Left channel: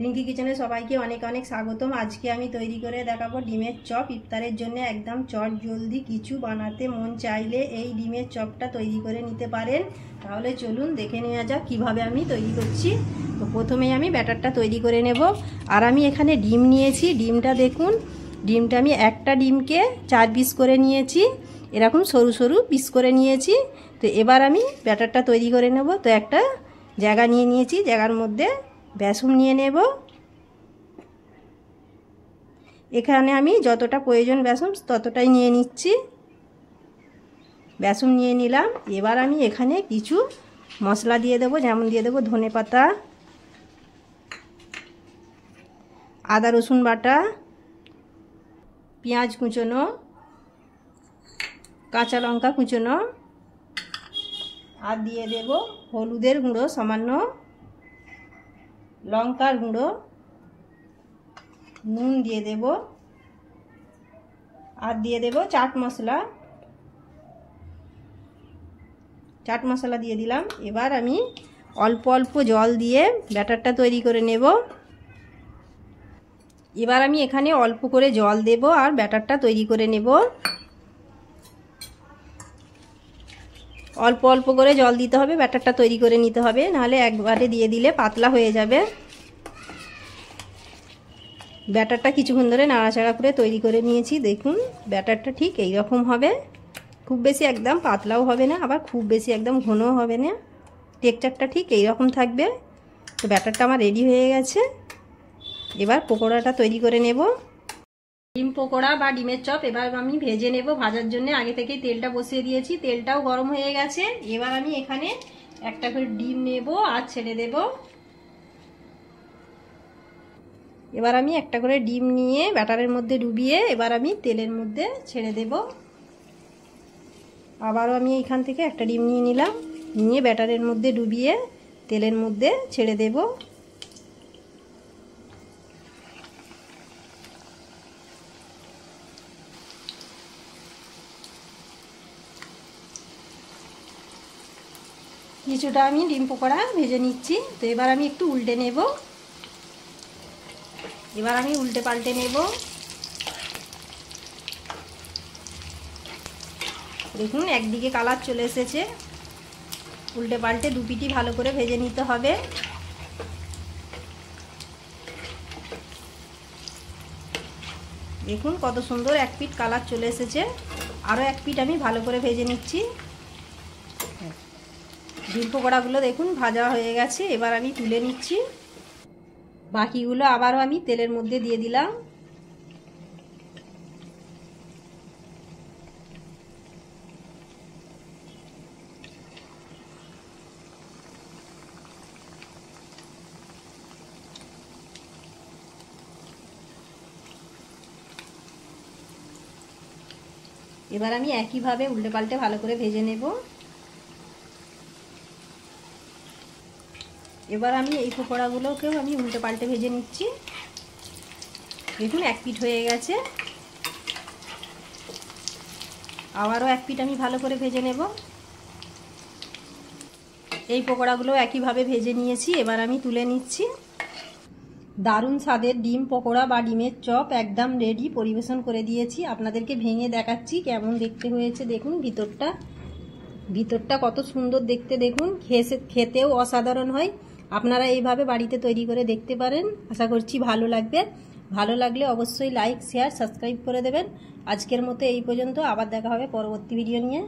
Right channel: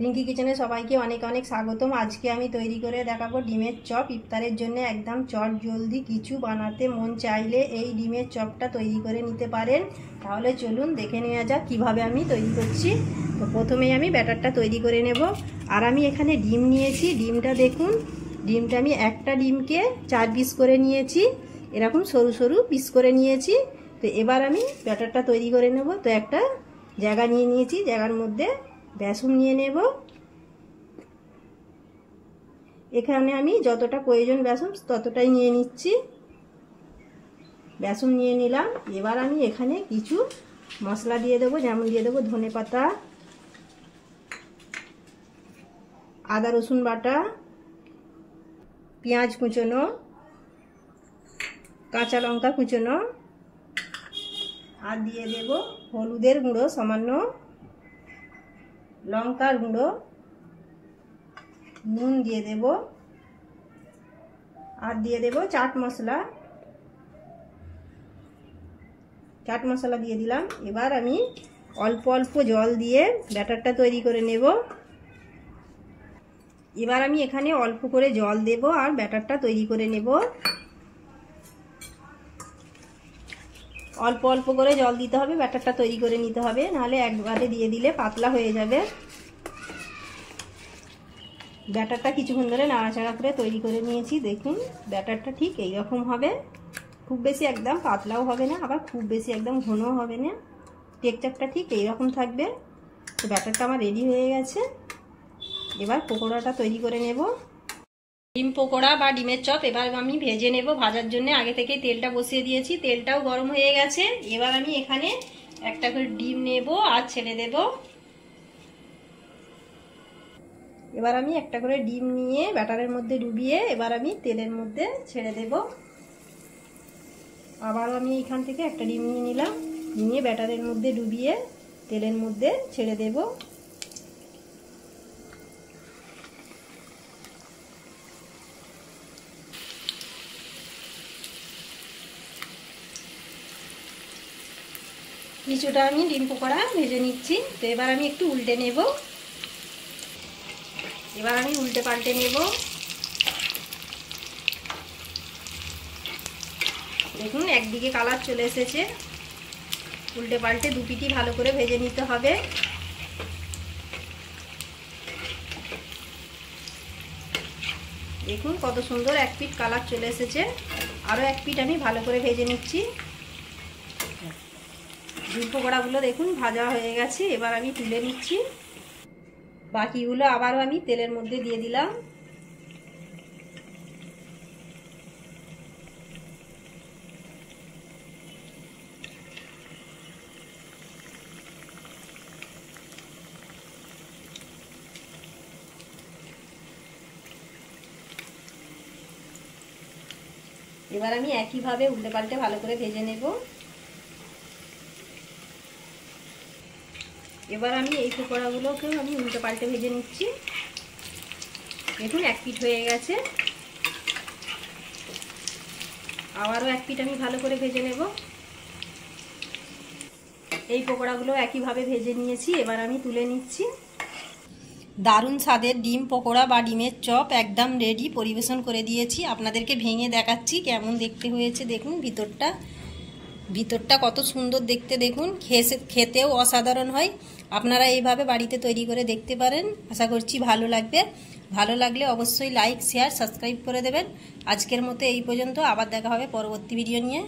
রিঙ্কি কিচেনে সবাইকে অনেক অনেক স্বাগতম। আজকে আমি তৈরি করে দেখাবো ডিমের চপ। ইফতারের জন্য একদম চট জলদি কিছু বানাতে মন চাইলে এই ডিমের চপটা তৈরি করে নিতে পারেন। তাহলে চলুন দেখে নেওয়া যাক কীভাবে আমি তৈরি করছি। তো প্রথমেই আমি ব্যাটারটা তৈরি করে নেব। আর আমি এখানে ডিম নিয়েছি। ডিমটা দেখুন, ডিমটা আমি একটা ডিমকে 4 পিস করে নিয়েছি, এরকম সরু সরু পিস করে নিয়েছি। তো এবার আমি ব্যাটারটা তৈরি করে নেব। তো একটা জায়গা নিয়ে নিয়েছি, জায়গার মধ্যে বেসন নিয়ে নেব। এখানে আমি যতটা প্রয়োজন বেসন ততটাই নিয়ে নিচ্ছি। বেসন নিয়ে নিলাম। এবার আমি এখানে কিছু মশলা দিয়ে দেবো, যেমন দিয়ে দেবো ধনেপাতা, আদা রসুন বাটা, পেঁয়াজ কুচোনো, কাঁচা লঙ্কা কুচোনো, আর দিয়ে দেব হলুদের গুঁড়ো সামান্য, লঙ্কার গুঁড়ো, নুন দিয়ে দেব, আর দিয়ে দেব চাট মশলা দিয়ে দিলাম। এবার আমি অল্প অল্প জল দিয়ে ব্যাটারটা তৈরি করে নেব। এবার আমি এখানে অল্প করে জল দেব আর ব্যাটারটা তৈরি করে নেব। অল্প অল্প করে জল দিতে হবে, ব্যাটারটা তৈরি করে নিতে হবে, নাহলে একবারে দিয়ে দিলে পাতলা হয়ে যাবে। ব্যাটারটা কিছুক্ষণ ধরে নাড়াচাড়া করে তৈরি করে নিয়েছি। দেখুন ব্যাটারটা ঠিক এই রকম হবে, খুব বেশি একদম পাতলাও হবে না, আবার খুব বেশি একদম ঘনও হবে না, টেক্সচারটা ঠিক এই রকম থাকবে। তো ব্যাটারটা আমার রেডি হয়ে গেছে। এবার পকোড়াটা তৈরি করে নেব। ডিম পকোড়া বা ডিমের চপ এবার আমি ভেজে নেব। ভাজার জন্য আগে থেকেই তেলটা বসিয়ে দিয়েছি, তেলটাও গরম হয়ে গেছে। এবার আমি এখানে একটা করে ডিম নেব আর ছেড়ে দেব। এবার আমি একটা করে ডিম নিয়ে ব্যাটারের মধ্যে ডুবিয়ে এবার আমি তেলের মধ্যে ছেড়ে দেব। আবারও আমি এখান থেকে একটা ডিম নিয়ে নিলাম, নিয়ে ব্যাটারের মধ্যে ডুবিয়ে তেলের মধ্যে ছেড়ে দেব। কিছুটা আমি ডিম পকোড়া ভেজে নিচ্ছি। তো এবার আমি একটু উল্টে নেব। এবার আমি উল্টে পাল্টে নেব। দেখুন একদিকে কালার চলে এসেছে। উল্টে পাল্টে দু পিঠই ভালো করে ভেজে নিতে হবে। দেখুন কত সুন্দর এক পিঠ কালার চলে এসেছে। আরও এক পিঠ আমি ভালো করে ভেজে নিচ্ছি। ডিম পকোড়াগুলো দেখুন ভাজা হয়ে গেছে। এবার আমি তুলে নিচ্ছি। বাকিগুলো আবারও আমি তেলের মধ্যে দিয়ে দিলাম। এবার আমি একইভাবে উল্টে পাল্টে ভালো করে ভেজে নেব। এবার আমি এই পকোড়াগুলোকেও আমি উল্টে পাল্টে ভেজে নিচ্ছি। দেখুন এক পিঠ হয়ে গেছে। আবারও এক পিঠ আমি ভালো করে ভেজে নেব। এই পকোড়াগুলো একইভাবে ভেজে নিয়েছি। এবার আমি তুলে নিচ্ছি। দারুণ স্বাদের ডিম পকোড়া বা ডিমের চপ একদম রেডি, পরিবেশন করে দিয়েছি। আপনাদেরকে ভেঙে দেখাচ্ছি কেমন দেখতে হয়েছে। দেখুন ভিতরটা কত সুন্দর দেখতে। দেখুন খেতেও অসাধারণ হয়। আপনারা এইভাবে বাড়িতে তৈরি করে দেখতে পারেন। আশা করছি ভালো লাগবে। ভালো লাগলে অবশ্যই লাইক শেয়ার সাবস্ক্রাইব করে দেবেন। আজকের মতো এই পর্যন্ত, আবার দেখা হবে পরবর্তী ভিডিও নিয়ে।